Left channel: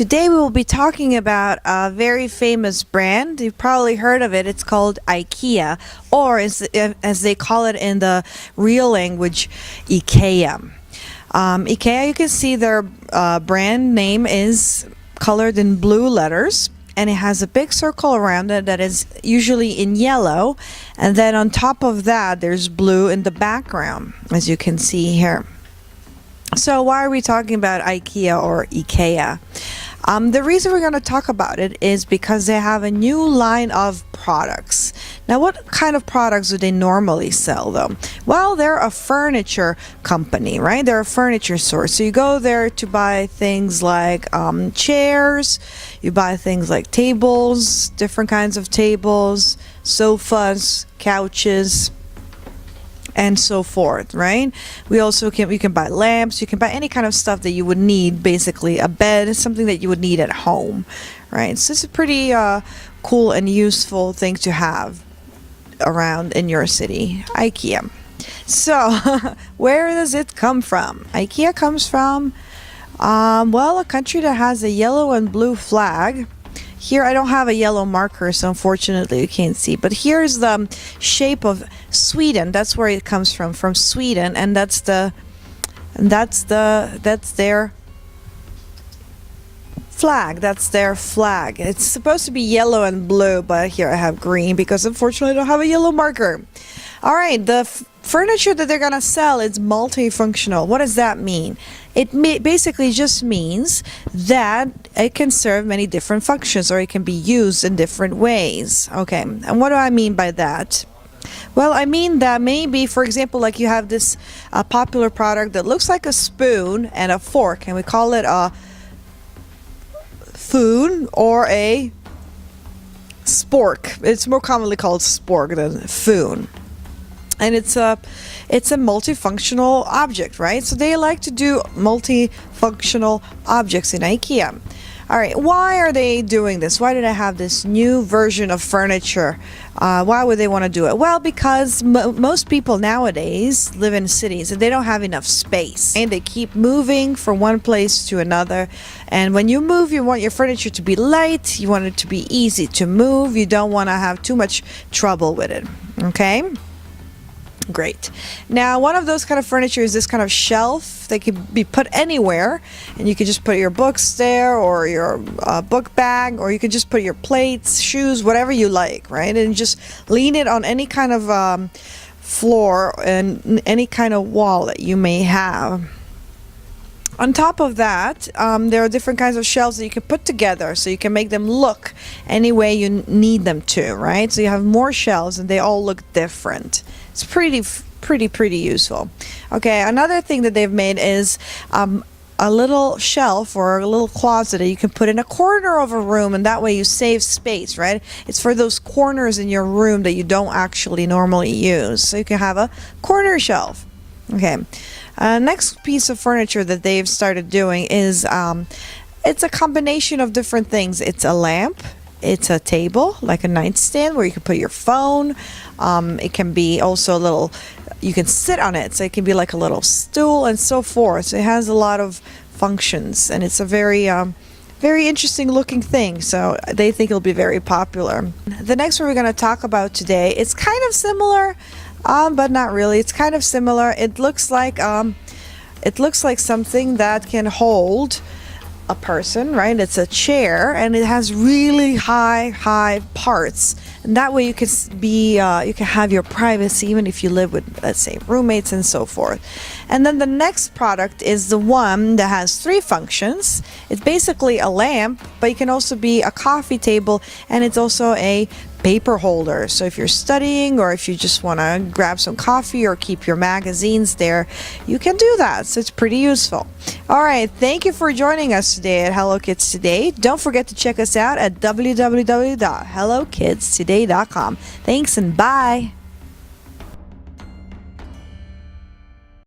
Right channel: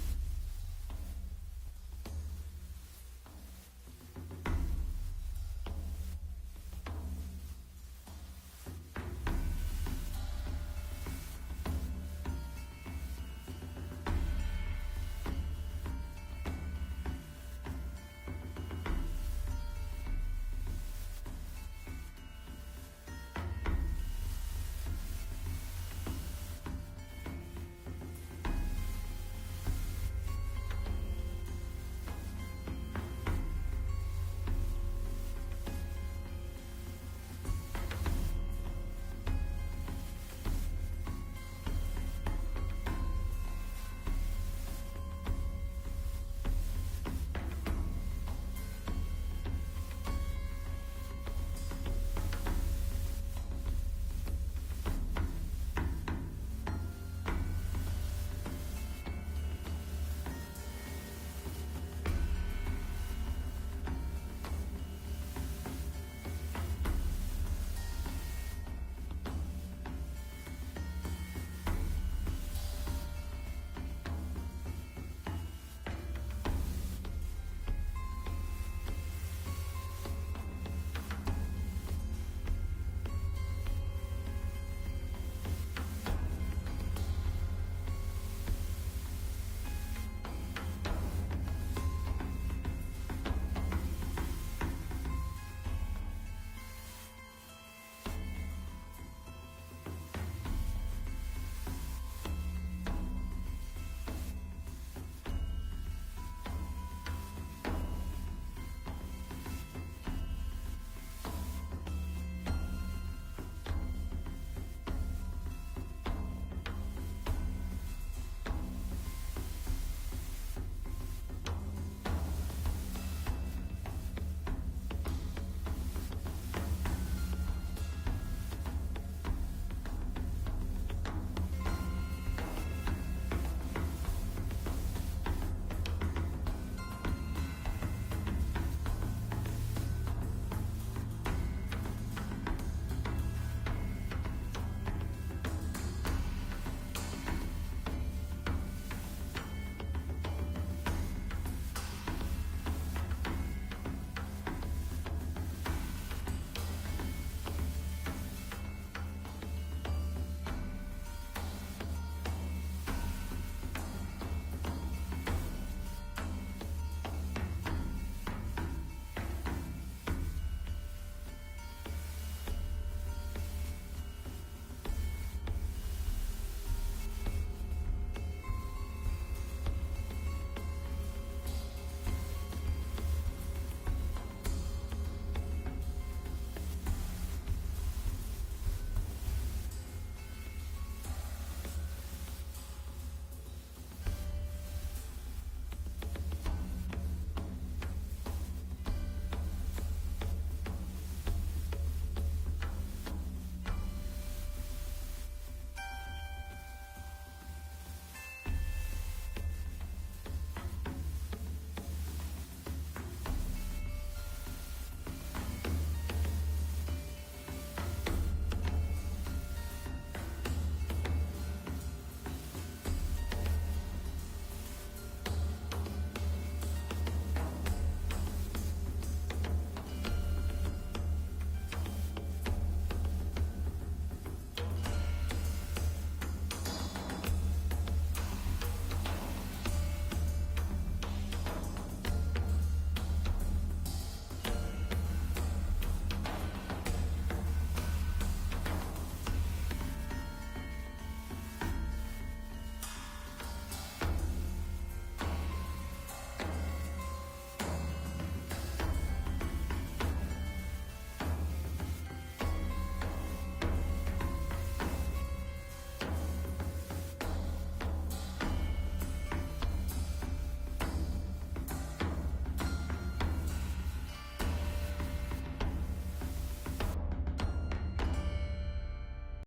Today we will be talking about a very famous brand. You've probably heard of it. It's called IKEA, or as they call it in the real language, IKEA. IKEA, you can see their brand name is colored in blue letters, and it has a big circle around it that is usually in yellow, and then on top of that there's blue in the background, as you can see here. So why are we talking about IKEA or IKEA? The reason we're going to talk about it is because they have a new line of products. Now, what kind of products do they normally sell, though? Well, they're a furniture company, right? They're a furniture store. So you go there to buy things like chairs, you buy things like tables, different kinds of tables, sofas, couches, and so forth, right? You can buy lamps, you can buy any kind of stuff that you would need. Basically a bed is something that you would need at home, right? So it's a pretty cool and useful thing to have around in your city. IKEA. So where does it come from? IKEA comes from well, a country that has a yellow and blue flag. Here I don't have a yellow marker, so unfortunately you can't see, but here's the shape of Sweden. That's where it comes from Sweden, and that's their flag. That's their flag. It's supposed to be yellow and blue, but here I have green because unfortunately I don't have a yellow marker. All right, the furniture that they're gonna sell is multifunctional. What does that mean? It basically just means that it can serve many different functions, or it can be used in different ways. Okay, and what do I mean by that? Well, I mean that maybe, for example, like you have this popular product that looks like a spoon and a fork, and we call it a foon or a spork. It's more commonly called spork than foon. And it's a multifunctional object, right? So they like to do multifunctional objects in IKEA. All right, why are they doing this? Why did I have this new version of furniture? Why would they want to do it? Well, because most people nowadays live in cities and they don't have enough space, and they keep moving from one place to another. And when you move, you want your furniture to be light, you want it to be easy to move, you don't want to have too much trouble with it, okay? Great. Now, one of those kind of furniture is this kind of shelf that can be put anywhere, and you can just put your books there, or your book bag, or you can just put your plates, shoes, whatever you like, right? And just lean it on any kind of floor and any kind of wall that you may have. On top of that, there are different kinds of shelves that you can put together, so you can make them look any way you need them to, right? So you have more shelves and they all look different. It's pretty useful. Okay, another thing that they've made is a little shelf or a little closet that you can put in a corner of a room, and that way you save space, right? It's for those corners in your room that you don't actually normally use. So you can have a corner shelf. Okay. Next piece of furniture that they've started doing is it's a combination of different things. It's a lamp, it's a table, like a nightstand where you can put your phone. It can be also a little, you can sit on it, so it can be like a little stool and so forth. So it has a lot of functions, and it's a very interesting looking thing, so they think it'll be very popular. The next one we're going to talk about today, it's kind of similar, but not really. It's kind of similar. It looks like something that can hold a person, right? It's a chair, and it has really high parts, and that way you can have your privacy even if you live with, let's say, roommates and so forth. And then the next product is the one that has three functions. It's basically a lamp, but it can also be a coffee table, and it's also a paper holder. So if you're studying, or if you just want to grab some coffee or keep your magazines there, you can do that. So it's pretty useful. All right, thank you for joining us today at Hello Kids Today. Don't forget to check us out at www.hellokidstoday.com. Thanks and bye.